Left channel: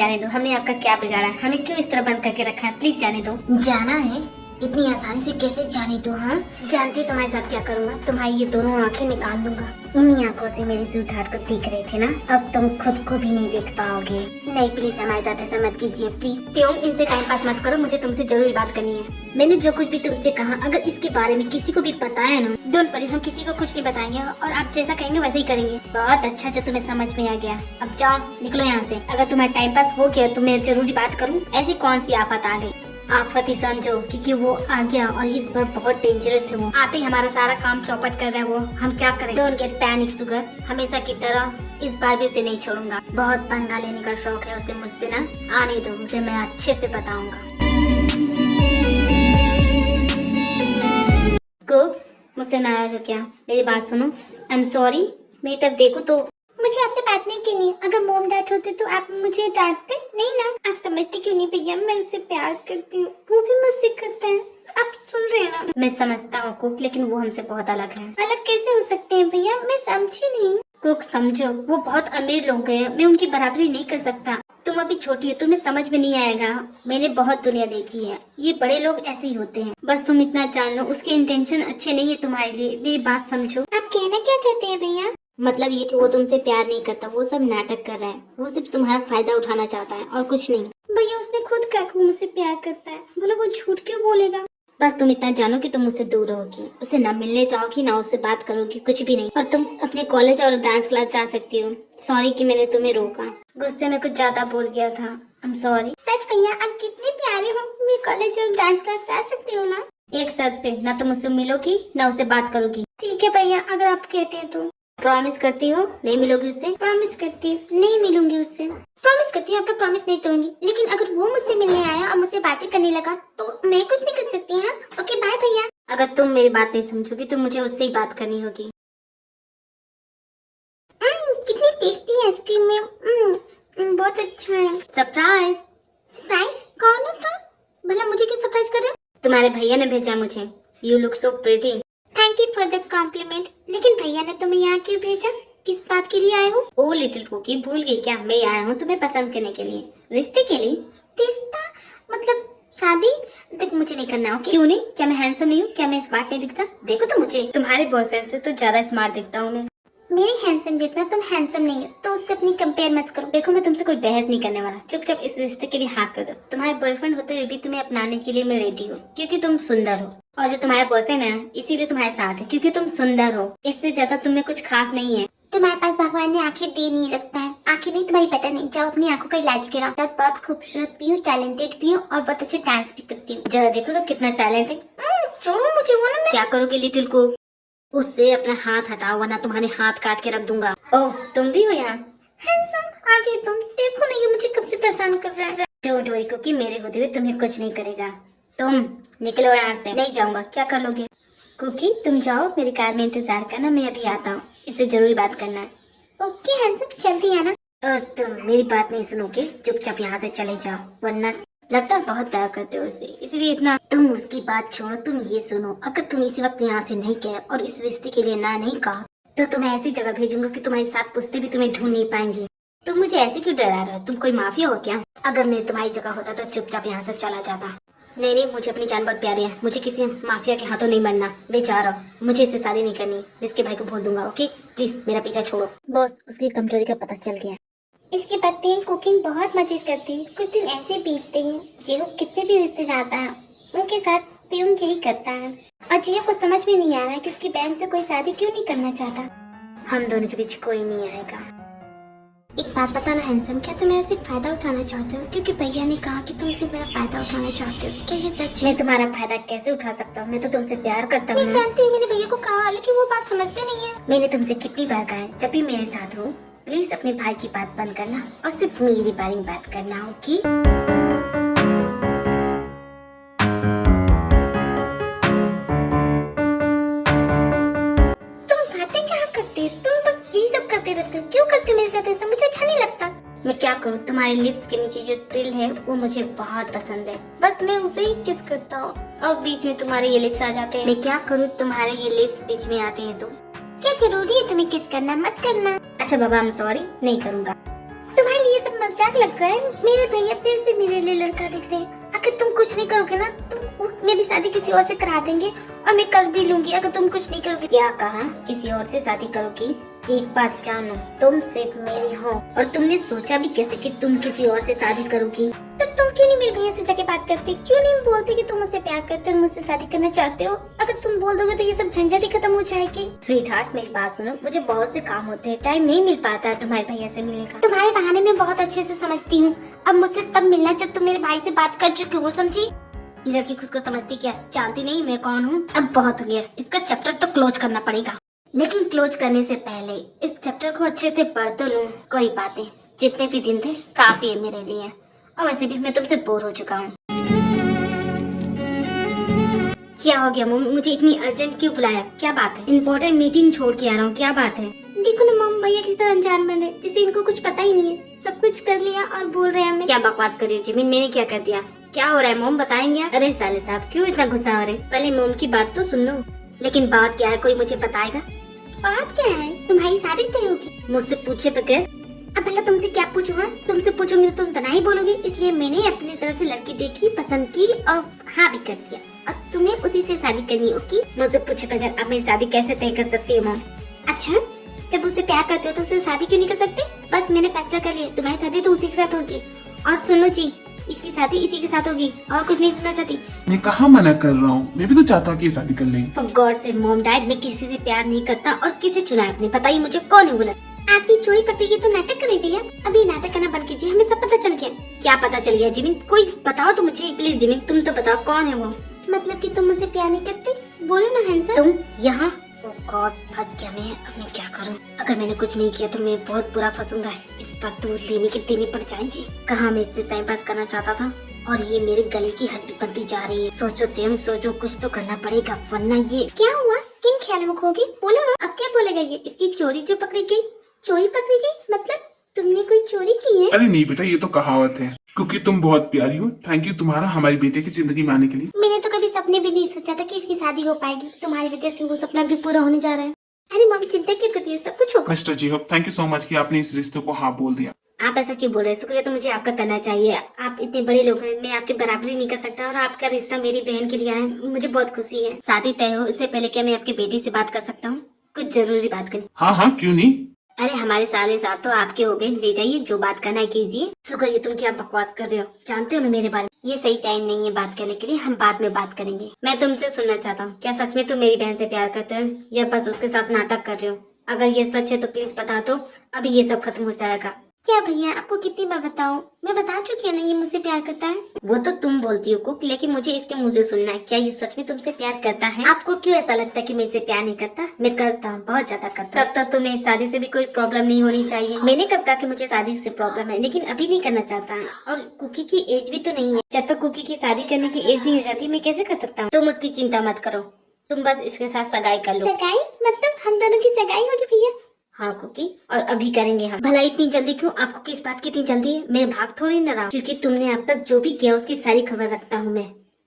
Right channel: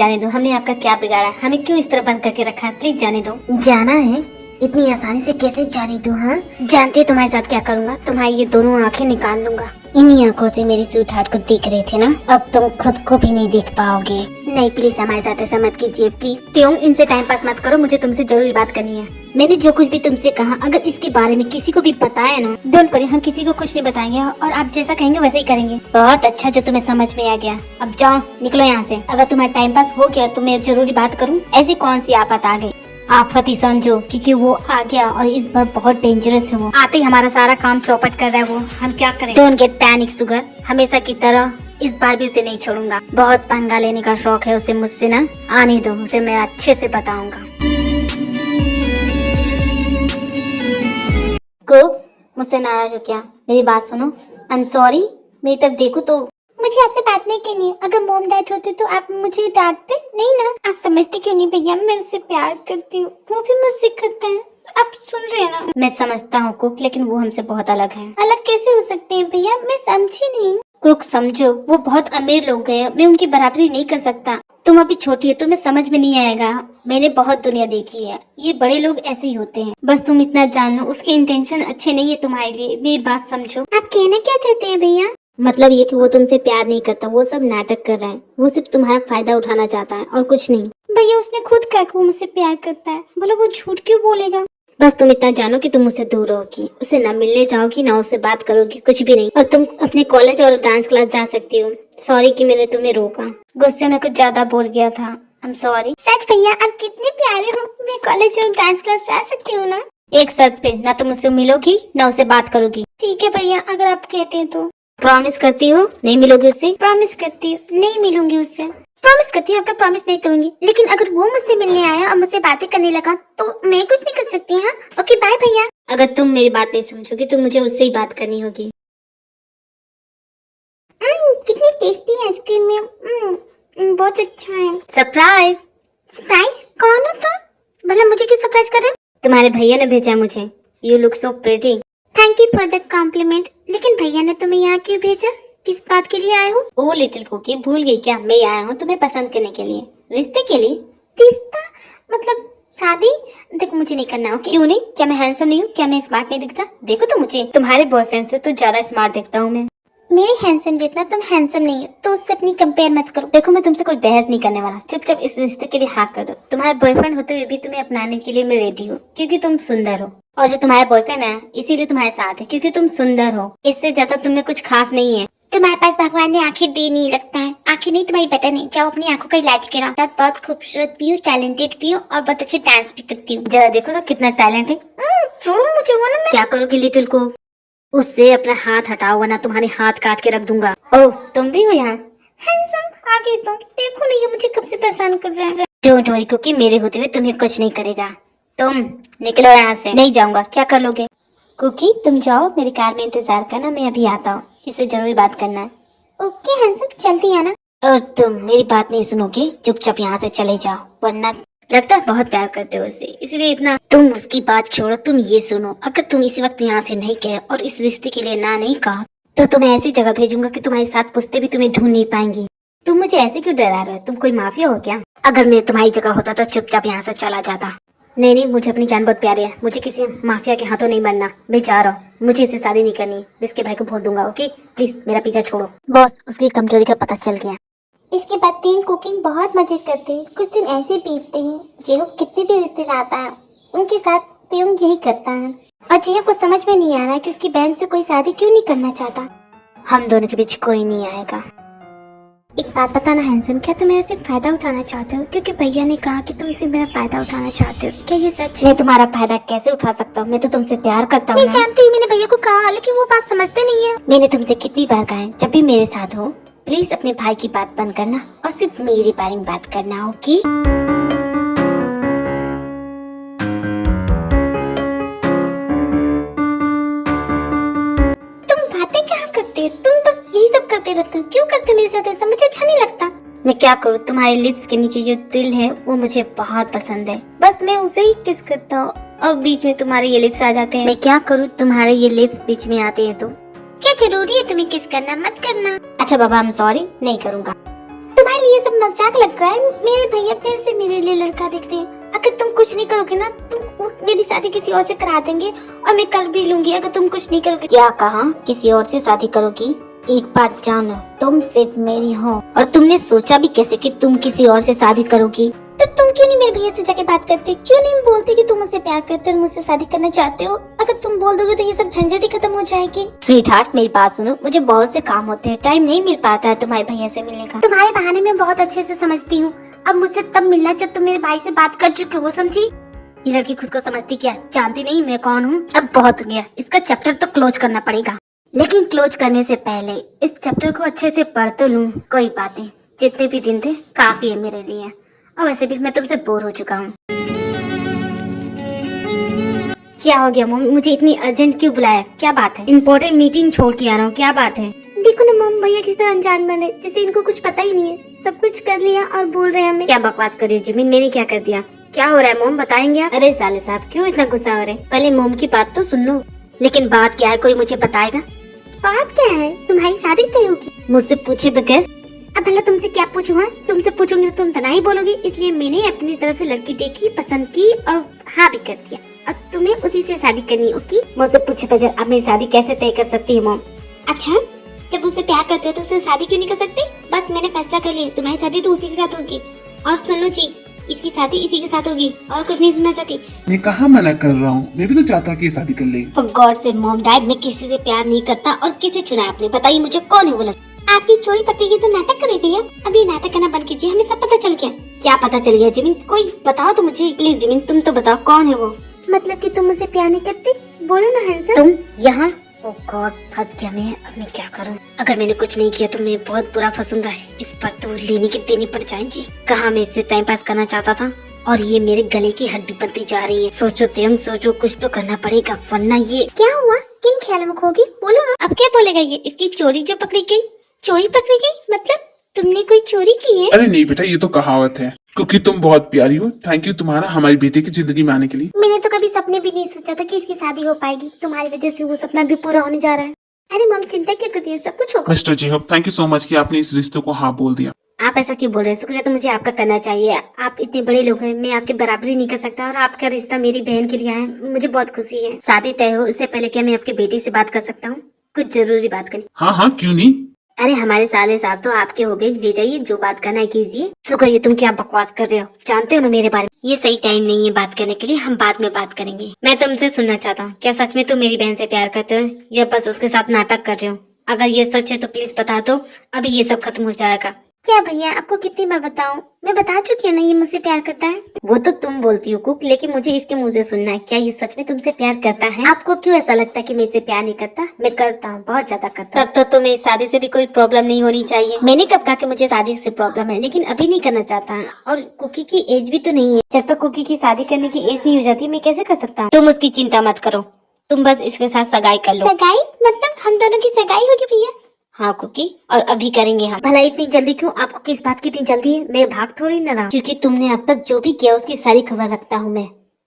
जाने दो, हमने आपका क्या बिगाड़ा, हमें क्यों इस तरह बंद करके रखा है, प्लीज जाने दो। जाना है? इतनी आसानी से कैसे जाने दो? हाँ, जानते हो तुम्हारे साथ क्या करूँगा, तुम्हारी ये दोनों आंखें निकाल लूंगा। इन्हीं आंखों से मेरी स्वीट हार्ट को देख रहे थे ना, अब तुम खुद को भी नहीं देख पाओगे। नहीं प्लीज हमारे साथ ऐसा मत कीजिए प्लीज। त्यों इनसे टाइम पास मत करो, मुझे तुमसे जरूरी बात करनी है। मैंने जो कुछ भी तुमसे कहा, अगर इसके बारे में किसी को भी पता है ना, डोंट वरी, हम किसी को कुछ नहीं बताएंगे और आप जैसा कहेंगे वैसे ही करेंगे। बहुत अच्छा, जो तुम्हें समझ में आ गया। अब जाओ, निकलो यहाँ से। अगर तुम्हारा टाइम पास हो गया तो मैं जरूरी बात करूँ। ऐसी कौन सी आफत आ गई? आफत ही समझो, क्योंकि वो आ गया और इस बार बहुत डेंजरस है। वो आते ही हमारा सारा काम चौपट कर रहा है, वो हम क्या करें? डोंट गेट पैनिक सुगर, हमेशा की तरह इस बार भी उसे नहीं छोड़ूंगा। बहुत पंगा लेने का शौक है उसे मुझसे ना, आने दो, उसे मैं अच्छे से बताऊंगा। को मुझसे नाराज हो क्या? मेरी बात सुनो। आई एम सॉरी, मेरी तरफ देखो तो। मुझे आपसे बात नहीं करनी है। अगर मॉम डैड होते तो आप मुझे डांटते नहीं ना। आप समझते क्यों नहीं भैया, मैं उससे प्यार करती हूँ, वो भी मुझसे करता है। आप सुन रहे हैं ना? मैं समझता हूँ कुक, लेकिन वो हमसे बहुत अलग है। अलग कैसे हो सकते हैं भैया, मैं समझी नहीं। कुक समझो, वो बहुत अमीर लोग हैं, मैं उनकी बराबरी नहीं कर सकता। तुम अभी छोटी हो, तुम्हें समझ में नहीं आएगा। मैंने बहुत दुनिया देखी है, ये बड़े लोग ऐसे ही होते हैं। बस तुम इतना जान लो, उसके इंटेंशन अच्छे नहीं है तुम्हारे लिए। मेरी बात समझो। आप कहना क्या चाहते हैं भैया? मतलब ये कि वो तुमसे प्यार नहीं करता, वो सब नाटक कर रहा है। वो सिर्फ तुम्हारा फायदा उठाना चाहता है और कुछ नहीं। भैया उसने खुद कहा कि वो मुझसे प्यार करता है, बोलो वो झूठ क्यों बोलेगा? बस तुम इतना जानो कि तुम उससे दूर रहोगी, उसे ना मिलने जाओगी ना उससे बात करोगी, कुछ भी नहीं। और तुम अपने कॉलेज और डांस क्लास जा सकती हो। सॉरी कि मैंने तुम्हें रोका, गुस्से में कुछ ज्यादा बोल गया था। I am sorry. सच भैया, आप कितने प्यारे हो। मैं कॉलेज और डांस क्लास जा सकती हूँ ना? एक शर्त पे, ना तुम उससे मिलोगी ना उससे बात करोगी। ठीक है भैया, अगर आप कहते हैं तो। प्रॉमिस करती हो नहीं मिलोगी उससे? प्रॉमिस करती हूँ, नहीं मिलूंगी उससे। प्रॉमिस करती हूँ, आपका प्रॉमिस नहीं तोड़ूंगी। लेकिन अगर वो मुझसे मिलने आया और मुझसे बातें करने लगा तो मैं कुछ नहीं कर सकती। हाँ, ओके बाय भैया। अगर तुम मेरी बात नहीं समझोगी तो मुझे उससे ही बात करनी होगी। कितनी टेस्टी आइसक्रीम है। बहुत अच्छा है। सरप्राइज। सरप्राइज? कौन हो तुम? भला मुझे क्यों सरप्राइज कर रहे हो? तुम्हारे भैया ने भेजा मुझे। You look so pretty. Thank you for the compliment. लेकिन भैया ने तुम्हें यहाँ क्यों भेजा? किस बात के लिए आए हो? ओ लिटिल कुकी, भूल गई क्या? मैं आया हूँ तुम्हें पसंद करने के लिए, रिश्ते के लिए। रिश्ता? मतलब शादी? देख, मुझे नहीं करना। ओके? क्यों नहीं? क्या मैं हैंडसम नहीं हूँ? क्या मैं स्मार्ट नहीं दिखता? देखो तो मुझे, तुम्हारे बॉयफ्रेंड से तो ज्यादा स्मार्ट दिखता हूँ मैं। मेरे हैंडसम जितना तुम हैंडसम नहीं हो, तो उससे अपनी कंपेयर मत करो। देखो मैं तुमसे कोई बहस नहीं करने वाला, चुपचाप इस रिश्ते के लिए हाँ कर दो। तुम्हारे बॉयफ्रेंड होते हुए भी तुम्हें अपनाने के लिए मैं रेडी हूँ, क्योंकि तुम सुंदर हो। और जो तुम्हारा बॉयफ्रेंड है इसीलिए तुम्हारे साथ है, क्योंकि तुम सुंदर हो। इससे ज्यादा तुम्हें कुछ खास नहीं है। तुम्हारे पास भगवान ने आंखें दी नहीं, लगता है। आंखें नहीं, तुम्हारी पता नहीं। जाओ अपनी आंखों का इलाज कराओ। आप बहुत खूबसूरत भी हो, टैलेंटेड भी हो और बहुत अच्छे डांस भी करती हो। जरा देखो तो कितना टैलेंट है। छोड़ो मुझे, वो ना। क्या करोगी लिटिल को? उससे अपना हाथ हटाओ वरना तुम्हारे हाथ काट के रख दूंगा। ओह तुम भी हो यहाँ? हैंडसम, आगे तुम देखो नहीं, ये मुझे कब से परेशान कर रहा है। डोंट वरी क्योंकि मेरे होते हुए तुम्हें कुछ नहीं करेगा। तुम निकलो यहाँ से। नहीं जाऊंगा। क्या कर लोगे? कुकी तुम जाओ, मेरी कार में इंतजार करना, मैं अभी आता हूँ, इससे जरूरी बात करना है। ओके हैंडसम, जल्दी आना। और तुम मेरी बात नहीं सुनोगे, चुपचाप यहाँ से चले जाओ, वरना लगता है बहुत प्यार करते हो उसे, इसलिए इतना। तुम उसकी बात छोड़ो, तुम ये सुनो, अगर तुम इसी वक्त यहाँ से नहीं गए और इस रिश्ते के लिए ना नहीं कहा तो तुम्हें ऐसी जगह भेजूंगा कि तुम्हारे साथ पुश्ते भी तुम्हें ढूंढ नहीं पाएंगी। तुम मुझे ऐसे क्यों डरा रहे हो? तुम कोई माफिया हो क्या? अगर मैं तुम्हारी जगह होता तो चुपचाप यहाँ से चला जाता। नहीं नहीं, मुझे अपनी जान बहुत प्यारी है, मुझे किसी माफिया के हाथों नहीं बनना। मैं जा रहा हूँ, मुझे इससे शादी नहीं करनी। इसके भाई को बोल दूंगा। ओके प्लीज मेरा पीछा छोड़ो। बॉस उसकी कमजोरी का पता चल गया। इसके बाद तीन कुकिंग बहुत मजे करती है। कुछ दिन ऐसे बीतते हैं, जेहू कितने भी रिश्तेदार आता है उनके साथ त्यों यही करता है। और जेहू को समझ में नहीं आ रहा है कि उसकी बहन से कोई शादी क्यों नहीं करना चाहता। हम दोनों के बीच कोई नहीं आएगा। एक बात बताना हैंडसम, क्या तुम मेरे से फायदा उठाना चाहते हो? क्योंकि भैया ने कहा कि तुमसे मेरा फायदा उठाना चाहते हो। क्या ये सच है? मैं तुम्हारा फायदा कैसे उठा सकता हूँ? मैं तो तुमसे प्यार करता हूँ। मैं जानती हूँ, मैंने भैया को कहा, लेकिन वो बात समझते नहीं है। मैंने तुमसे कितनी बार कहा है, जब भी मेरे साथ हो प्लीज अपने भाई की बात बंद करना और सिर्फ मेरी बारे में बात करना होगी। तुम बातें क्या करते हो? तुम बस यही सब करते रहते हो। क्यों करते हो मेरे साथ ऐसा? मुझे अच्छा नहीं लगता। मैं क्या करूँ, तुम्हारे लिप्स के नीचे जो तिल है वो मुझे बहुत पसंद है। बस मैं उसे ही किस करता हूँ और बीच में तुम्हारे ये लिप्स आ जाते हैं। मैं क्या करूँ, तुम्हारे ये लिप्स बीच में आते हैं तो। क्या जरूरी है तुम्हें किस करना? मत करना। अच्छा बाबा, आई एम सॉरी, नहीं करूँगा। तुम्हारे लिए सब मजाक लग रहा है। मेरे भैया फिर से मेरे लिए लड़का देख रहे हैं। अगर तुम कुछ नहीं करोगे ना तो मेरी शादी किसी और से करा देंगे और मैं कर भी लूंगी अगर तुम कुछ नहीं करोगे। क्या कहा? किसी और से शादी करोगी? एक बात जानो, तुम सिर्फ मेरी हो और तुमने सोचा भी कैसे कि तुम किसी और से शादी करोगी? तो तुम क्यों नहीं मेरे भैया से जाके बात करते? क्यों नहीं बोलते कि तुम मुझसे प्यार करते हो, मुझसे शादी करना चाहते हो? अगर तुम बोल दोगे तो ये सब झंझट ही खत्म हो जाएगी। स्वीटहार्ट, मेरी बात सुनो, मुझे बहुत से काम होते हैं, टाइम नहीं मिल पाता है तुम्हारे भैया से मिलने का। तुम्हारे बहाने मैं बहुत अच्छे से समझती हूँ। अब मुझसे तब मिलना जब तुम मेरे भाई से बात कर चुके हो, समझी? ये लड़की खुद को समझती क्या? जानती नहीं मैं कौन हूँ? अब बहुत हो गया, इसका चैप्टर तो क्लोज करना पड़ेगा। लेकिन क्लोज करने से पहले इस चैप्टर को अच्छे से पढ़ तो लूं। कोई बातें, जितने भी दिन थे काफी है मेरे लिए, और वैसे भी मैं तुमसे बोर हो चुका हूँ। क्या हो गया मम्मी, मुझे इतनी अर्जेंट क्यों बुलाया? क्या बात है? इम्पोर्टेंट मीटिंग छोड़ के आ रहा हूँ, क्या बात है? देखो ना मम, भैया किस तरह अनजान बने, जैसे इनको कुछ पता ही नहीं है। सब कुछ कर लिया और बोल रहे हैं हमें। क्या बकवास कर रही हो जिमिन, मैंने क्या कर दिया? क्या हो रहा है मोम, बताएंगे आप? अरे साले साहब, क्यों इतना गुस्सा हो रहे? पहले मोम की बात तो सुन लो। लेकिन बात क्या है, कोई मुझे बताएगा? बात क्या है? तुम्हारी शादी तय होगी। मुझसे पूछे बगैर? अब भला तुमसे क्या पूछूं? हाँ, तुमसे पूछूंगी तो तुम तना ही बोलोगी, इसलिए मैंने अपनी तरफ से लड़की देखी, पसंद की और हाँ भी कर दिया। अब तुम्हें उसी से शादी करनी होगी। मुझसे पूछे बगैर आप मेरी शादी कैसे तय कर सकती है मोम? अच्छा, जब उससे प्यार करते हो तो उससे शादी क्यों नहीं कर सकते? बस मैंने फैसला कर लिया, तुम्हारी शादी तो उसी के साथ होगी। और सुन लो जी, इसकी शादी इसी के साथ होगी और कुछ नहीं सुनना चाहती। मैं कहाँ मना कर रहा हूँ, मैं भी तो चाहता हूँ कि ये शादी कर लें। For God से मॉम डैड, मैं किसी से प्यार नहीं करता। और किसे चुना आपने? बताइए मुझे, कौन है वो लड़का? आपकी चोरी पकड़ेगी तो नाटक करे भैया। अब ये नाटक करना बंद कीजिए, हमें सब पता चल गया। क्या पता चल गया जिमिन? कोई बताओ तो मुझे प्लीज। जिमिन तुम तो बताओ, कौन है वो? मतलब कि तुम मुझसे प्यार नहीं करती? बोलो ना हैंसम। तुम यहाँ? ओह गॉड, फंस गया मैं। अब मैं क्या करूँ? अगर मैंने कुछ नहीं किया तो मैं बहुत बुरा फंसूंगा। इस पर तो लेने की देनी पड़ जाएंगी। कहाँ मैं इससे टाइम पास करना चाहता था और ये मेरे गले की हड्डी बनती जा रही है। सोचो तुम, सोचो, कुछ तो करना पड़ेगा वरना ये। क्या हुआ? किन ख्यालों में खो गई? बोलो ना। अब क्या बोलेगा ये? इसकी चोरी जो पकड़ी गई? चोरी पकड़ी गई मतलब तुमने कोई चोरी की है? अरे नहीं बेटा, ये तो कहावत है, क्योंकि तुम बहुत प्यारी हो। थैंक यू तुम्हारा हमारी बेटे की जिंदगी में आने के लिए। मैंने तो कभी सपने भी नहीं सोचा था कि इसकी शादी हो पाएगी। तुम्हारी वजह से वो सपना भी पूरा होने जा रहा है। अरे मम, चिंता क्यों करती है? सब कुछ होगा। मिस्टर जेहब, थैंक यू सो मच कि आपने इस रिश्ते को हाँ बोल दिया। आप ऐसा क्यों बोल रहे हैं? शुक्रिया तो मुझे आपका करना चाहिए। आप इतने बड़े लोग हैं, मैं आपके बराबरी नहीं कर सकता। और आपका रिश्ता मेरी बहन के लिए है, मुझे बहुत खुशी है। शादी तय हो इससे पहले क्या मैं आपकी बेटी से बात कर सकता हूँ? कुछ जरूरी बात करनी। हाँ हाँ, क्यों नहीं। अरे हमारे साले साथ तो आपके हो गए, ले जाइए, जो बात करना है कीजिए। शुक्रिया, तुम क्या बकवास कर रहे हो? जानते हो ना मेरे बारे में, ये सही टाइम नहीं है बात करने के लिए, हम बाद में बात करेंगे। मैं तुमसे सुनना चाहता हूँ, क्या सच में तुम मेरी बहन से प्यार करते हो या बस उसके साथ नाटक कर रहे हो? अगर ये सच है तो प्लीज बता दो, अभी ये सब खत्म हो जाएगा। क्या भैया, आपको कितनी बार बताऊं? मैं बता चुकी हूँ ना, ये मुझसे प्यार करता है। वो तो तुम बोलती हो कुक, लेकिन मुझे इसके मुंह से सुनना है। क्या ये सच में तुमसे प्यार करता है? आपको क्यों ऐसा लगता है कि मैं इससे प्यार नहीं करता? मैं करता हूँ, बहुत ज्यादा करता हूँ। तब तो तुम्हें इस शादी से भी कोई प्रॉब्लम नहीं होनी चाहिए। मैंने कब कहा कि मुझे शादी से प्रॉब्लम है, लेकिन अभी नहीं करना चाहता है। और कुकी की एज भी तो नहीं है। जब तक कुकी की शादी करने की एज नहीं हो जाती मैं कैसे कर सकता हूँ? तुम उसकी चिंता मत करो, तुम बस इसके साथ सगाई कर लो। सगाई मतलब हम दोनों की सगाई होगी भैया? हाँ कुकी, और अभी करेंगे हम। भला इतनी जल्दी क्यों? आपको किस बात की इतनी जल्दी है? मैं भाग थोड़ी न रहा हूँ, क्योंकि तुमने अब तक जो भी किया उसकी सारी खबर रखता हूँ मैं।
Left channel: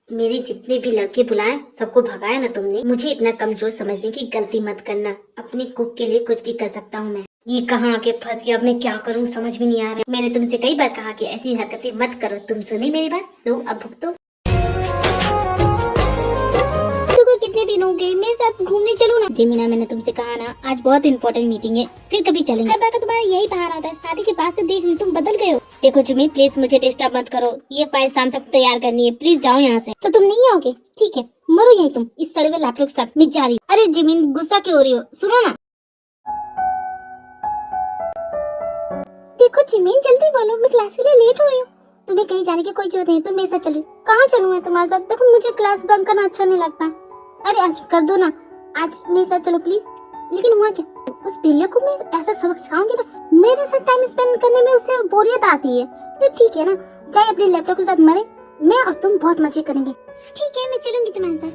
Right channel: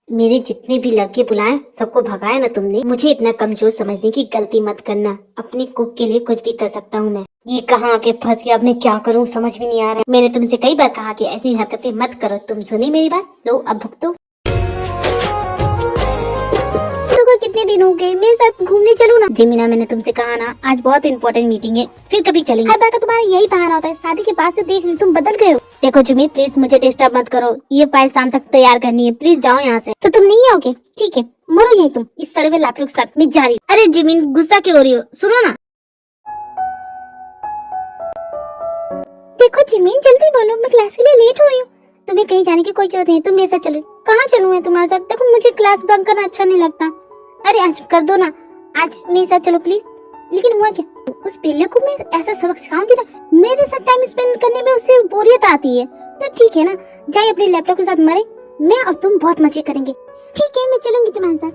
मेरे जितने भी लड़के बुलाए सबको भगाया ना तुमने। मुझे इतना कमजोर समझने की गलती मत करना। अपने कुक के लिए कुछ भी कर सकता हूँ मैं। ये कहाँ आके फंस गया, अब मैं क्या करूँ समझ भी नहीं आ रहा। मैंने तुमसे कई बार कहा कि ऐसी हरकतें मत करो, तुम सुनी मेरी बात? लो अब भुगतो। कितने दिन हो गए, मेरे साथ घूमने चलो ना। जिमिना, मैंने तुमसे कहा ना आज बहुत इंपॉर्टेंट मीटिंग है, फिर कभी चलेंगे। हर बार का तुम्हारा यही बहाना होता है। शादी के बाद से देख लो तुम बदल गए हो। देखो जिमी, प्लीज मुझे डिस्टर्ब मत करो। ये फाइल शाम तक तैयार करनी है, प्लीज जाओ यहाँ से। तो तुम नहीं आओगे? ठीक है, मरो यही तुम इस सड़वे लैपटॉप के साथ। में जा रही हूँ। अरे जिमिन, गुस्सा क्यों हो रही हो? सुनो ना। देखो जिमीन, जल्दी बोलो, मैं क्लास के लिए लेट हो रही हूँ। तुम्हें कहीं जाने की कोई जरूरत नहीं, तुम मेरे साथ चलो। कहाँ चलूँ मैं तुम्हारे साथ? देखो मुझे क्लास बंक करना अच्छा नहीं लगता। अरे आज कर दो ना, आज मेरे साथ चलो प्लीज। लेकिन हुआ क्या, उस पेले को मैं ऐसा सबक सिखाऊंगी ना, मेरे साथ टाइम स्पेंड करने में उसे बोरियत आती है। तो ठीक है ना, जाए अपने लैपटॉप के साथ मरे, मैं और तुम बहुत मजे करेंगे। ठीक है, मैं चलूंगी तुम्हारे साथ।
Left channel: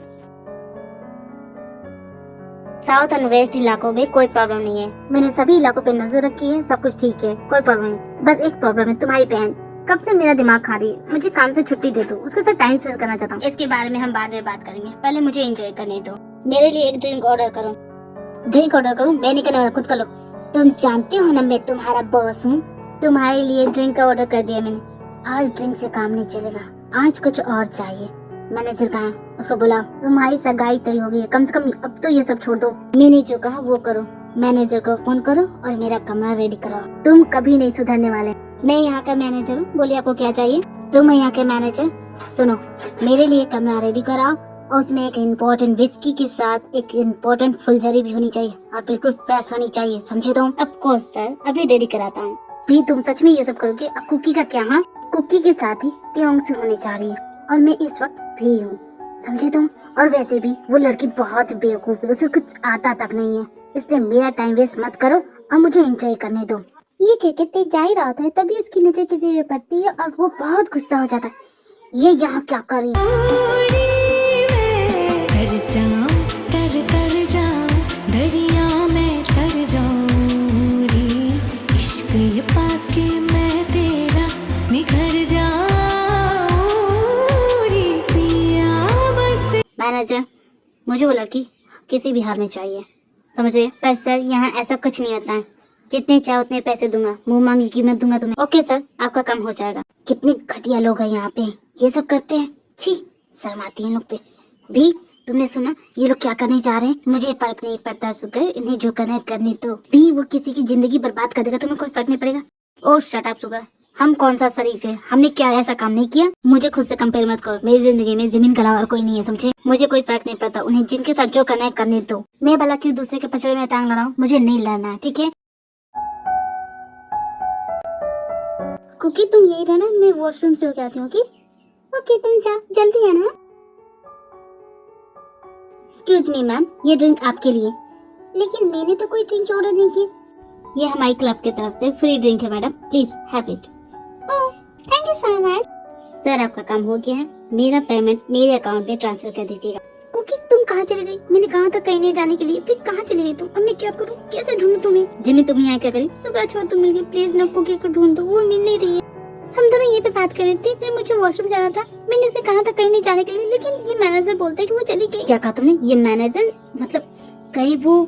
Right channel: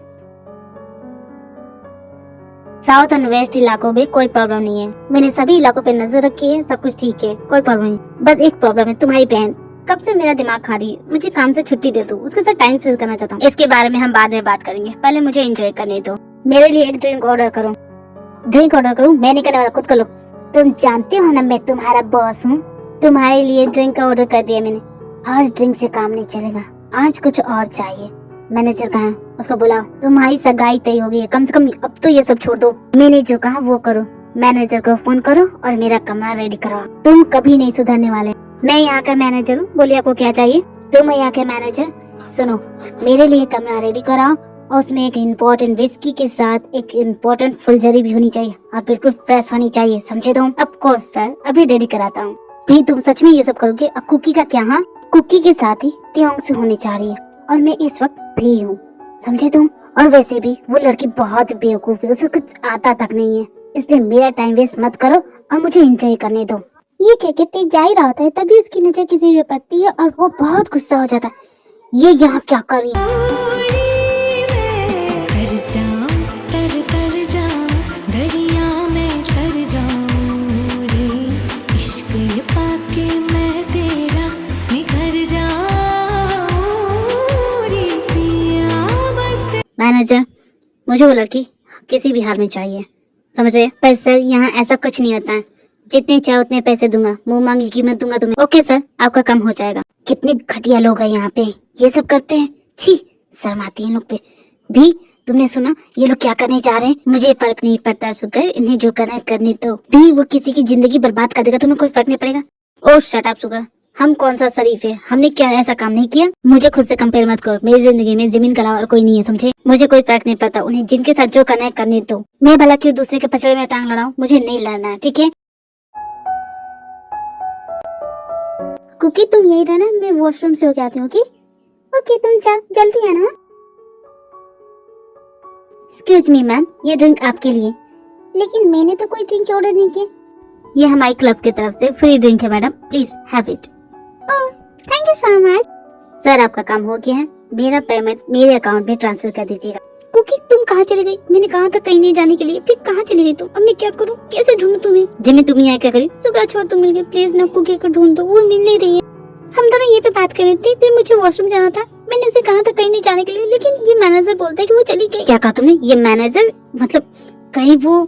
साउथ एंड वेस्ट इलाकों में कोई प्रॉब्लम नहीं है, मैंने सभी इलाकों पे नजर रखी है, सब कुछ ठीक है, कोई प्रॉब्लम नहीं। बस एक प्रॉब्लम है, तुम्हारी बहन कब से मेरा दिमाग खा रही है। मुझे काम से छुट्टी दे दो, उसके साथ टाइम स्पेंड करना चाहता हूँ। इसके बारे में हम बाद में बात करेंगे, पहले मुझे एंजॉय करने दो। मेरे लिए एक ड्रिंक ऑर्डर करो। ड्रिंक ऑर्डर करूँ? मैं नहीं करने वाला, खुद कर लो। तुम जानते हो ना मैं तुम्हारा बॉस हूँ। तुम्हारे लिए ड्रिंक का ऑर्डर कर दिया मैंने। आज ड्रिंक से काम नहीं चलेगा, आज कुछ और चाहिए। मैनेजर कहाँ है, उसको बुलाओ। तुम्हारी सगाई तय हो गई है, कम से कम अब तो ये सब छोड़ दो। मैंने जो कहा वो करो। मैनेजर को फोन करो और मेरा कमरा रेडी कराओ। तुम कभी नहीं सुधरने वाले। मैं यहाँ का मैनेजर हूँ, बोलिए आपको क्या चाहिए। तुम यहाँ के मैनेजर, सुनो, मेरे लिए कमरा रेडी कराओ और उसमें एक इम्पोर्टेंट विस्की के साथ एक इम्पोर्टेंट फुलझड़ी भी होनी चाहिए और बिल्कुल फ्रेश होनी चाहिए, समझे तुम? ऑफ कोर्स सर, अभी रेडी कराता हूँ। भी तुम सच में ये सब करोगे? अब कुकी का क्या? हाँ, कुकी के साथ ही त्योंग से होनी चाहिए और मैं इस वक्त फ्री हूँ, समझे तुम? और वैसे भी वो लड़की बहुत बेवकूफ है, उसे कुछ आता तक नहीं है, इसलिए मेरा टाइम वेस्ट मत करो और मुझे एंजॉय करने दो। ये कह के तेज जा ही रहा होता है, तभी उसकी नजर किसी पे पड़ती है और वो बहुत गुस्सा हो जाता है। ये यहाँ क्या कर रही मैनेजर, मुझे वो लड़की किसी भी हाल में चाहिए, समझे? पर सर यहाँ ऐसा कुछ नहीं होता है, जितने चाहे उतने पैसे दूंगा, मुंह मांगी कीमत दूंगा तुम्हें। ओके सर, आपका काम हो जाएगा। कितने घटिया लोग हैं यहाँ पे, ये सब करते हैं। छी, शर्म आती है इन लोग पे भी। तुमने सुना ये लोग क्या करने जा रहे हैं? मुझे फर्क नहीं पड़ता सुकर, इन्हें जो करना है करने दो। भी वो किसी की जिंदगी बर्बाद कर देगा, तुम्हें कोई फर्क नहीं पड़ेगा। ओह शट अप सुकर, हम कौन सा शरीफ है, हमने क्या ऐसा काम नहीं किया? मुझे खुद से कंपेयर मत करो, मेरी जिंदगी में जमीन का अलावा और कोई नहीं है, समझे? मुझे कोई फर्क नहीं पड़ता, उन्हें जिनके साथ जो करना है करने दो। मैं भला क्यों दूसरे के पचड़े में टांग लड़ाऊं? मुझे नहीं लड़ना है, ठीक है? कुकी तुम यही रहना, मैं वॉशरूम से होके आती हूँ। ओके तुम जाओ, जल्दी आना। एक्सक्यूज मी मैम, ये ड्रिंक आपके लिए। लेकिन मैंने तो कोई ड्रिंक ऑर्डर नहीं की। ये हमारी क्लब की तरफ से फ्री ड्रिंक है madam, please have it. Oh thank you so much. Sir आपका काम हो गया है, मेरा पेमेंट मेरे अकाउंट में ट्रांसफर कर दीजिएगा। कुकी तुम कहाँ चली गई? मैंने कहा था कहीं नहीं जाने के लिए, फिर कहाँ चली गई तुम? अब मैं क्या करूँ, कैसे ढूंढूं तुम्हें? जिम्मी तुम यहाँ क्या करी? सुबह छोड़ तुम मिल, प्लीज ना कुकी को ढूंढ दो, वो मिल नहीं रही है। हम दोनों ये पे बात कर रहे थे, फिर मुझे वॉशरूम जाना था, मैंने उसे कहा था कहीं नहीं जाने के लिए, लेकिन ये मैनेजर बोलता है कि वो चली गई। क्या कहा तुमने? ये मैनेजर मतलब कहीं वो,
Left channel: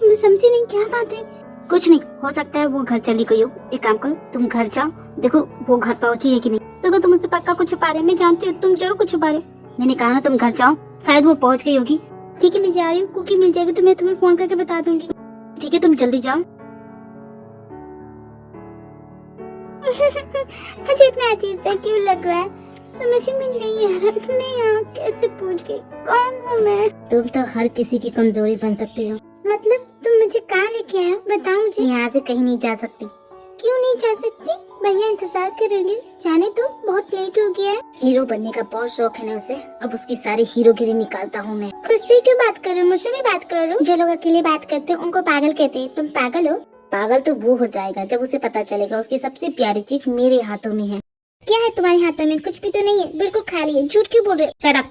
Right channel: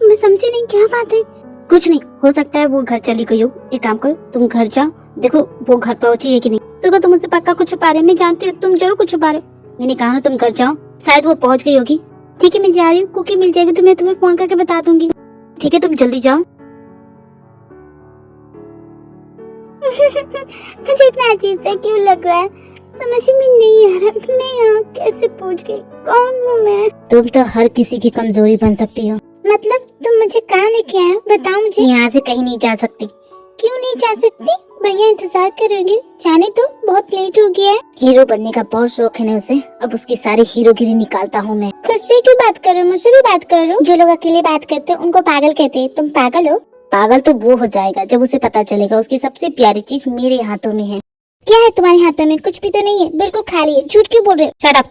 मैं समझी नहीं क्या बात है। कुछ नहीं, हो सकता है वो घर चली गई हो। एक काम करो, तुम घर जाओ, देखो वो घर पहुंची है कि नहीं। सुबह तुम मुझसे पक्का कुछ छुपा रहे हो, मैं जानती हूँ तुम जरूर कुछ छुपा रहे हो। मैंने कहा ना तुम घर जाओ, शायद वो पहुंच गई होगी। ठीक है मैं जा रही हूँ, कुकी मिल जाएगी तो मैं तुम्हें फोन करके बता दूंगी। ठीक है तुम जल्दी जाओ। मुझे इतना अजीब सा क्यों लग रहा है, समझ में नहीं आ रहा, मैं यहाँ कैसे पहुँच गई? कौन हूँ मैं? तुम तो हर किसी की कमजोरी बन सकती हो। मतलब तुम मुझे कहाँ लेके आए हो, बताओ मुझे। यहाँ से कहीं नहीं जा सकती। क्यों नहीं जा सकती? भैया इंतजार करोगे, जाने तो बहुत लेट हो गया है। हीरो बनने का बहुत शौक है ना उसे, अब उसकी सारी हीरोगिरी निकालता हूँ मैं। खुद से क्यों बात कर रहे हो, मुझसे भी बात करो। जो लोग अकेले बात करते हैं उनको पागल कहते हैं, तुम पागल हो? पागल तो वो हो जाएगा जब उसे पता चलेगा उसकी सबसे प्यारी चीज मेरे हाथों में है। क्या है तुम्हारे हाथों में? कुछ भी तो नहीं है, बिल्कुल खाली है। झूठ क्यों बोल रहे हो? Shut up.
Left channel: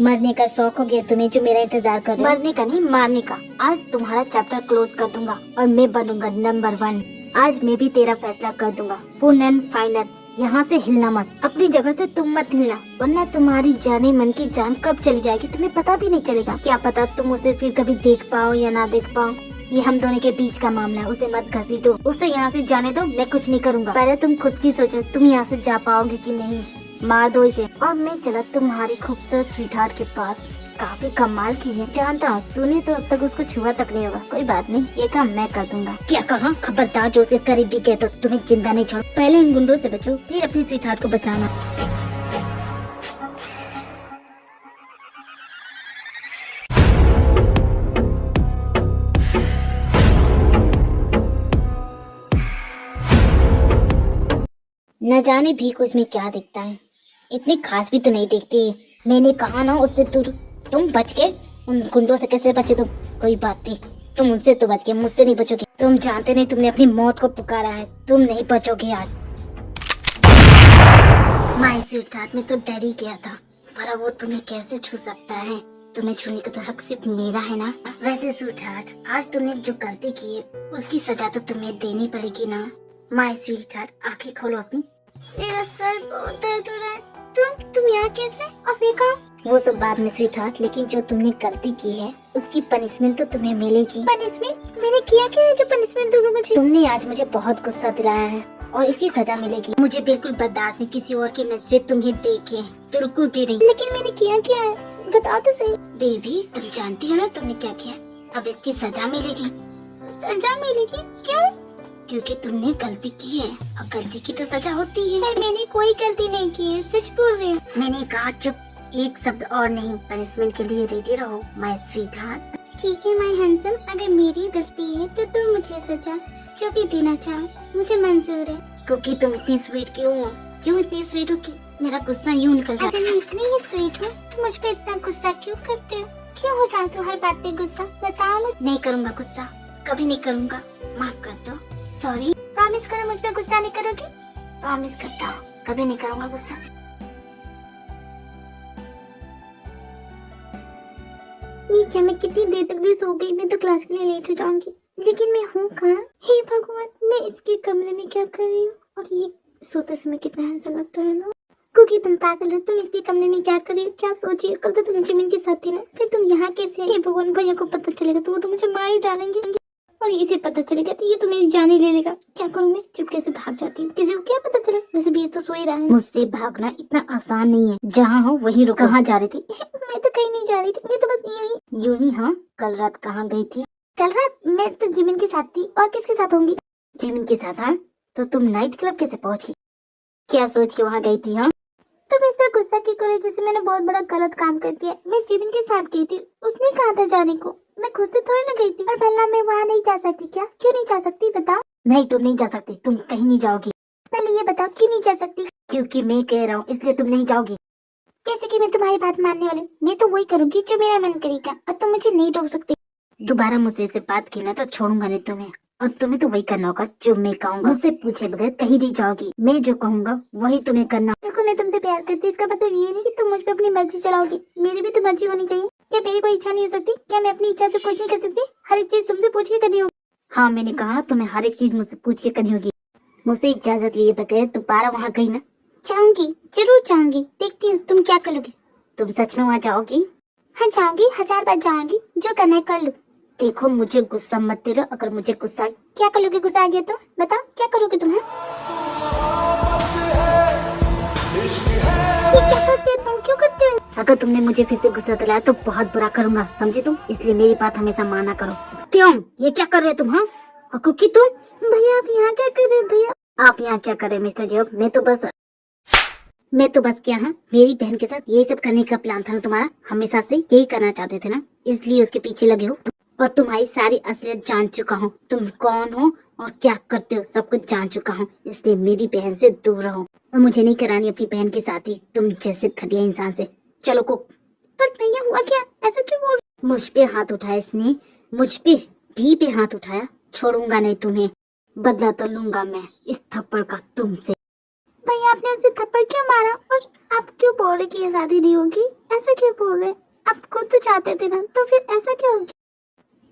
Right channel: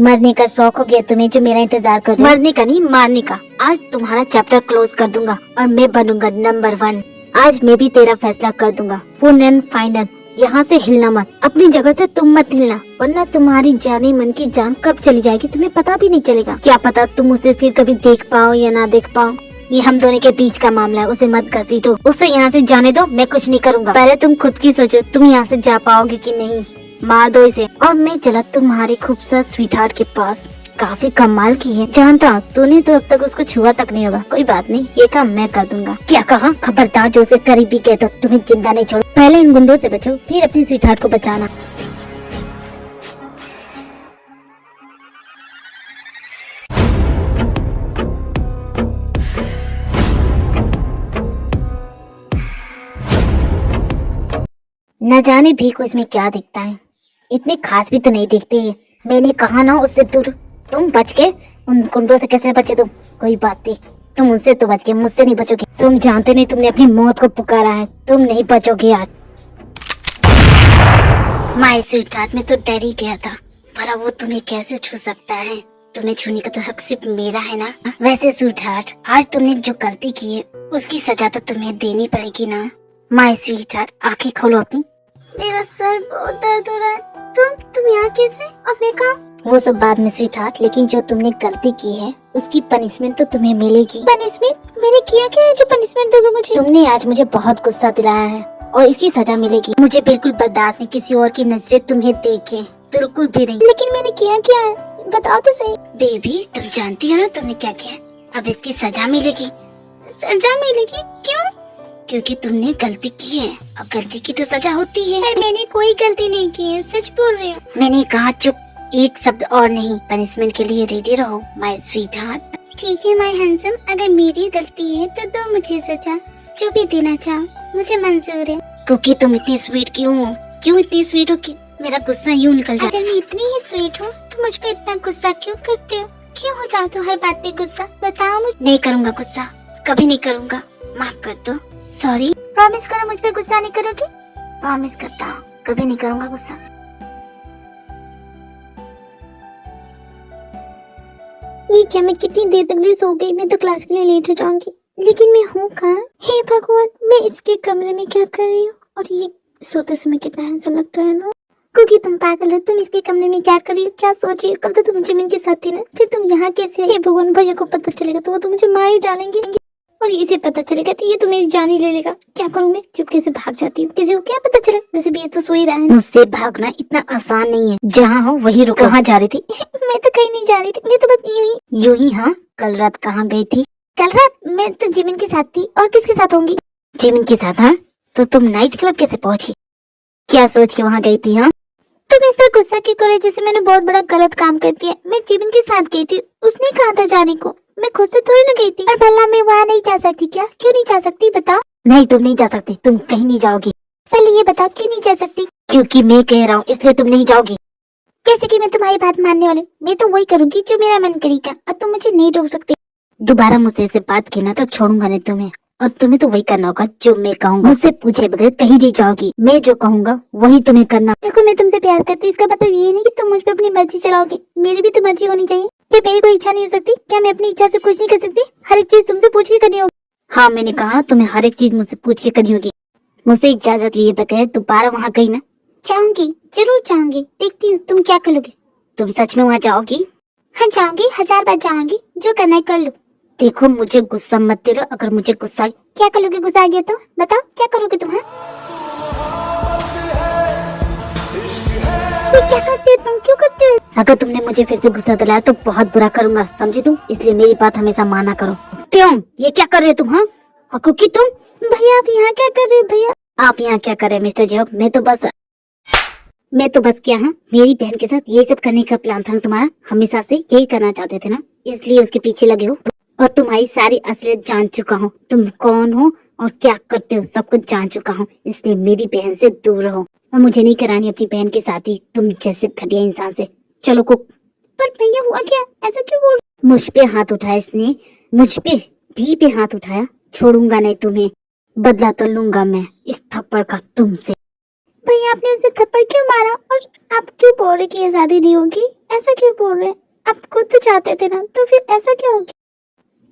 मरने का शौक हो गया तुम्हें, जो मेरा इंतजार कर रहे हो? मरने का नहीं, मारने का। आज तुम्हारा चैप्टर क्लोज कर दूंगा और मैं बनूंगा नंबर 1। आज मैं भी तेरा फैसला कर दूंगा, फुल एंड फाइनल। यहाँ से हिलना मत, अपनी जगह से तुम मत हिलना, वरना तुम्हारी जाने मन की जान कब चली जाएगी तुम्हें पता भी नहीं चलेगा। क्या पता तुम उसे फिर कभी देख पाओ या ना देख पाओ, ये हम दोनों के बीच का मामला है। उसे मत घसीटो, उसे यहाँ से जाने दो, मैं कुछ नहीं करूँगा। पहले तुम खुद की सोचो, तुम यहाँ से जा पाओगे कि नहीं। मार दो इसे और मैं चला तुम्हारी खूबसूरत स्वीटहार्ट के पास। काफी कमाल की है, जानता हूँ तूने तो अब तक उसको छुआ तक नहीं होगा। कोई बात नहीं, ये काम मैं कर दूंगा। क्या कहा? खबरदार जो उसे करीबी कह दो, तुम्हें जिंदा नहीं छोड़ो। पहले इन गुंडों से बचो, फिर अपनी स्वीटहार्ट को बचाना। न जाने भी को इसमें क्या दिखता है, इतनी खास भी तो नहीं दिखती। मैंने कहा ना उससे दूर। तुम बच के उन गुंडों से कैसे बचे तुम? कोई बात नहीं, तुम उनसे तो बच के, मुझसे नहीं बचोगे। तुम जानते नहीं, तुमने अपनी मौत को पुकारा है, तुम नहीं बचोगे आज। माय स्वीटहार्ट, मैं तो डर ही गया था, भला वो तुम्हें कैसे छू सकता है? तुम्हें छूने का तो हक सिर्फ मेरा है ना। वैसे स्वीटहार्ट, आज तुमने जो गलती की है उसकी सजा तो तुम्हें देनी पड़ेगी ना। माय स्वीटहार्ट, आंखें खोलो अपनी। मेरा सर बहुत दर्द हो रहा है। तुम यहाँ कैसे? अब मैं कहा वो सब बाद में स्वीट हार्ट, लेकिन जो तुमने गलती की है उसकी पनिशमेंट तो तुम्हें मिलेगी। पनिशमेंट? मैंने किया क्या है जो पनिशमेंट दोगे मुझे? तुमने आज मुझे बहुत गुस्सा दिलाया है और इसकी सजा मिलेगी। मुझे बिल्कुल बर्दाश्त नहीं किसी और की नजरें तुम्हें देखे, बिल्कुल भी नहीं। लेकिन मैंने किया क्या है, बताओ तो सही। बेबी तुम जानती हो ना तुमने क्या किया, अब इसकी सजा मिलेगी। सजा मिलेगी? क्यों? क्योंकि तुमने गलती की है, अब गलती की तो सजा होती है। पर मैंने कोई गलती नहीं की है, सच बोल रही हूँ। मैंने कहा चुप, एक शब्द और नहीं। पनिशमेंट के लिए रेडी रहो माय स्वीट हार्ट। ठीक है माय हैंडसम, अगर मेरी गलती है तो दो मुझे सजा, जो भी देना चाहो मुझे मंजूर है। क्योंकि तुम इतनी स्वीट क्यों हो? क्यों इतनी स्वीट हो कि मेरा गुस्सा यूं निकल जाता अगर मैं इतनी ही स्वीट हूँ तो मुझ पे इतना गुस्सा क्यों करते हो? क्यों हो जाते हो हर बात पे गुस्सा? बताओ मुझे। नहीं करूँगा गुस्सा, कभी नहीं करूँगा, माफ कर दो। सॉरी। प्रॉमिस करो मुझ पे गुस्सा नहीं करोगी? प्रॉमिस करता हूँ कभी नहीं करूँगा गुस्सा। ये क्या, मैं कितनी देर तक ले सो गई? मैं तो क्लास के लिए लेट हो जाऊंगी। लेकिन मैं हूँ कहाँ? हे भगवान, मैं इसके कमरे में क्या कर रही हूँ? और ये सोते समय कितना हैंडसम लगता है ना। क्योंकि तुम पागल हो, तुम इसके कमरे में क्या कर रही हो, क्या सोच रही हो? कल तो तुम जिमिन के साथ थी ना, फिर तुम यहाँ कैसे? हे भगवान, भैया को पता चलेगा तो वो तो मुझे मार ही डालेंगे, और इसे पता चलेगा तो ये तो मेरी जान ही ले लेगा। क्या करूँ मैं? चुपके से भाग जाती हूँ, किसी को क्या पता चले। वैसे भी ये तो सो ही रहा है। मुझसे भागना इतना आसान नहीं है, जहाँ हो वहीं रुको। कहाँ जा रही थी? मैं तो कहीं नहीं जा रही थी, मैं तो बस यही। यूं ही? हाँ, कल रात कहाँ गई थी? कल रात मैं तो जिमिन के साथ थी, और किसके साथ होंगी? जिमिन के साथ? हाँ, तो तुम नाइट क्लब कैसे पहुंची? क्या सोच के वहाँ गई थी? हाँ, तुम इस तरह गुस्सा क्यों करे जैसे मैंने बहुत बड़ा गलत काम कर दिया? मैं जिमिन के साथ गई थी, उसने कहा था जाने को, मैं खुद से थोड़ी ना गई थी। और भला मैं वहाँ नहीं जा सकती क्या? क्यों नहीं जा सकती बताओ? नहीं तुम नहीं जा सकती, तुम कहीं नहीं जाओगी। पहले ये बताओ क्यों नहीं जा सकती? क्योंकि मैं कह रहा हूँ इसलिए तुम नहीं जाओगी। जैसे कि मैं तुम्हारी बात मानने वाली हूँ, मैं तो वही करूंगी जो मेरा मन करेगा, और तुम मुझे नहीं रोक सकती। दोबारा मुझसे ऐसे बात की ना तो छोड़ूंगा नहीं तुम्हें, और तुम्हें तो वही करना होगा जो मैं कहूँगा। मुझसे पूछे बगैर कहीं नहीं जाओगी, मैं जो कहूँगा वही तुम्हें करना। देखो मैं तुमसे प्यार करती हूँ, इसका मतलब ये नहीं कि तुम मुझ पे अपनी मर्जी चलाओगी। मेरी भी तो मर्जी होनी चाहिए। क्या मेरी कोई इच्छा नहीं हो सकती? क्या मैं अपनी इच्छा से कुछ नहीं कर सकती? हर एक चीज तुमसे पूछ के करनी होगी। हाँ, मैंने कहा तुम्हें हर एक चीज मुझसे पूछ के करनी होगी। मुझसे इजाजत लिए बगैर दोबारा वहाँ गई ना? चाहूंगी, जरूर चाहूंगी। देखती हूँ तुम क्या करोगे। तुम सच में वहाँ जाओगी? हाँ जाऊंगी, 1000 बार जाऊंगी, जो करना है कर लो। देखो मुझे गुस्सा मत दिलाओ, अगर मुझे गुस्सा। क्या करोगे गुस्सा आ गया तो? बताओ क्या करोगे तुम? क्या करते हो तुम? क्यों करते हो? अगर तुमने मुझे फिर से गुस्सा दिलाया तो बहुत बुरा करूंगा, समझे तुम? इसलिए मेरी बात हमेशा माना करो। क्यों? ये क्या कर रहे तुम? हाँ, और कुकी तुम? भैया आप यहाँ क्या कर रहे हो? भैया आप यहाँ क्या कर रहे हैं मिस्टर जियोक? मैं तो बस क्या, हाँ, मेरी बहन के साथ ये सब करने का प्लान था ना तुम्हारा? हमेशा से यही करना चाहते थे ना, इसलिए उसके पीछे लगे हो। और तुम्हारी सारी असलियत जान चुका हूँ, तुम कौन हो और क्या करते हो सब कुछ जान चुका हूँ। इसलिए मेरी बहन से दूर रहो, और मुझे नहीं करानी अपनी बहन के साथ ही तुम जैसे घटिया इंसान से। चलो कुक। पर भैया हुआ क्या? ऐसा क्यों बोल? मुझ पे हाथ उठाया इसने, मुझ पे हाथ उठाया, छोड़ूंगा नहीं तुम्हें। बदला तो लूंगा मैं इस थप्पड़ का तुमसे। भैया आपने उसे थप्पड़ क्यों मारा? और आप क्यों बोल रहे कि ये शादी नहीं होगी? ऐसा क्यों बोल रहे? आप खुद तो चाहते थे ना, तो फिर ऐसा क्या होगी?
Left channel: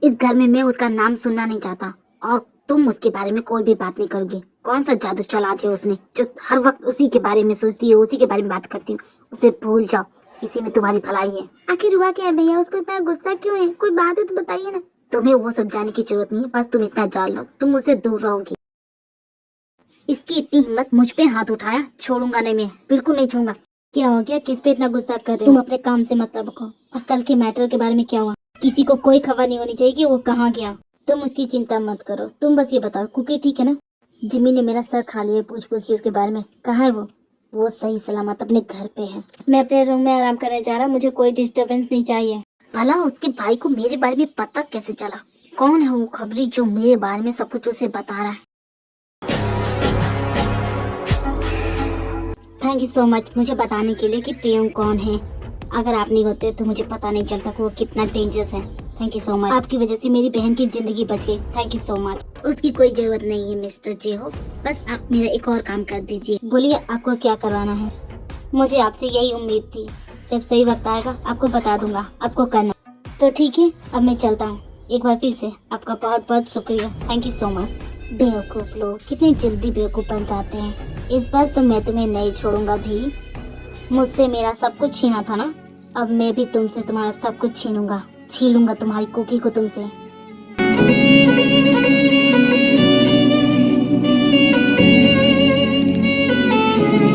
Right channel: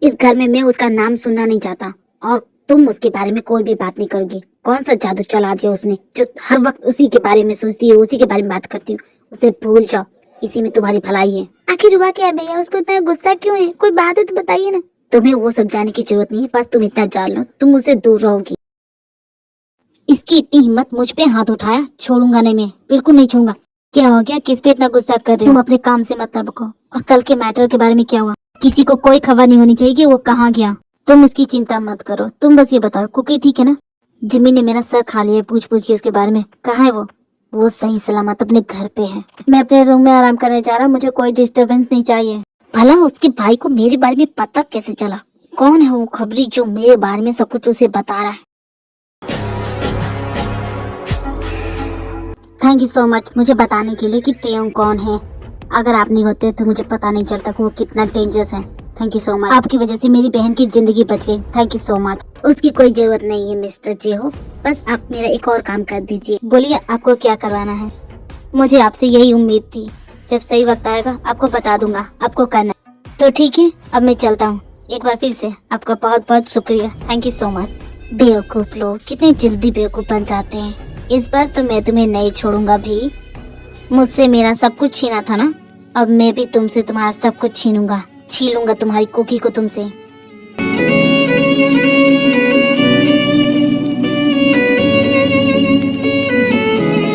इस घर में मैं उसका नाम सुनना नहीं चाहता, और तुम उसके बारे में कोई भी बात नहीं करोगी। कौन सा जादू चला दिया उसने जो हर वक्त उसी के बारे में सोचती है, उसी के बारे में बात करती है? उसे भूल जाओ, इसी में तुम्हारी भलाई है। आखिर हुआ क्या है भैया? उस पर इतना गुस्सा क्यों है? कोई बात है तो बताइए ना। तुम्हें वो सब जानने की जरूरत नहीं है, बस तुम इतना जान लो तुम मुझसे दूर रहोगी। इसकी इतनी हिम्मत, मुझ पे हाथ उठाया, छोड़ूंगा नहीं मैं, बिल्कुल नहीं छूंगा। क्या हो गया? किस पे इतना गुस्सा कर रहे हो? तुम अपने काम से मतलब रखो। और कल के मैटर के बारे में क्या हुआ? किसी को कोई खबर नहीं होनी चाहिए कि वो कहाँ गया। तुम उसकी चिंता मत करो, तुम बस ये बताओ कुकी ठीक है ना? जिमी ने मेरा सर खा लिया पूछ पूछ के उसके बारे में। कहाँ है वो? वो सही सलामत अपने घर पे है। मैं अपने रूम में आराम करने जा रहा हूँ, मुझे कोई डिस्टरबेंस नहीं चाहिए। भला उसके भाई को मेरे बारे में पता कैसे चला? कौन है वो खबरी जो मेरे बारे में सब कुछ उसे बता रहा है? थैंक यू सो मच मुझे बताने के लिए कि प्रियंक कौन है। अगर आप नहीं होते तो मुझे पता नहीं चलता कि वो कितना डेंजरस है। थैंक यू सो मच, आपकी वजह से मेरी बहन की जिंदगी बच गई। Thank you so much. उसकी कोई जरूरत नहीं है मिस्टर जियो, बस आप मेरा एक और काम कर दीजिए। बोलिए आपको क्या करवाना है? मुझे आपसे यही उम्मीद थी, जब सही वक्त आएगा आपको बता दूंगा आपको करना। तो ठीक है, अब मैं चलता हूँ। एक बार फिर से आपका बहुत बहुत शुक्रिया, थैंक यू सो मच। बेवकूफ लोग कितनी जल्दी बेवकूफ बन जाते हैं। इस बार तो मैं तुम्हें नहीं छोड़ूंगा भी। मुझसे मेरा सब कुछ छीना था ना, अब मैं भी तुमसे तुम्हारा सब कुछ छीन लूंगा तुम्हारी कुकी को तुमसे।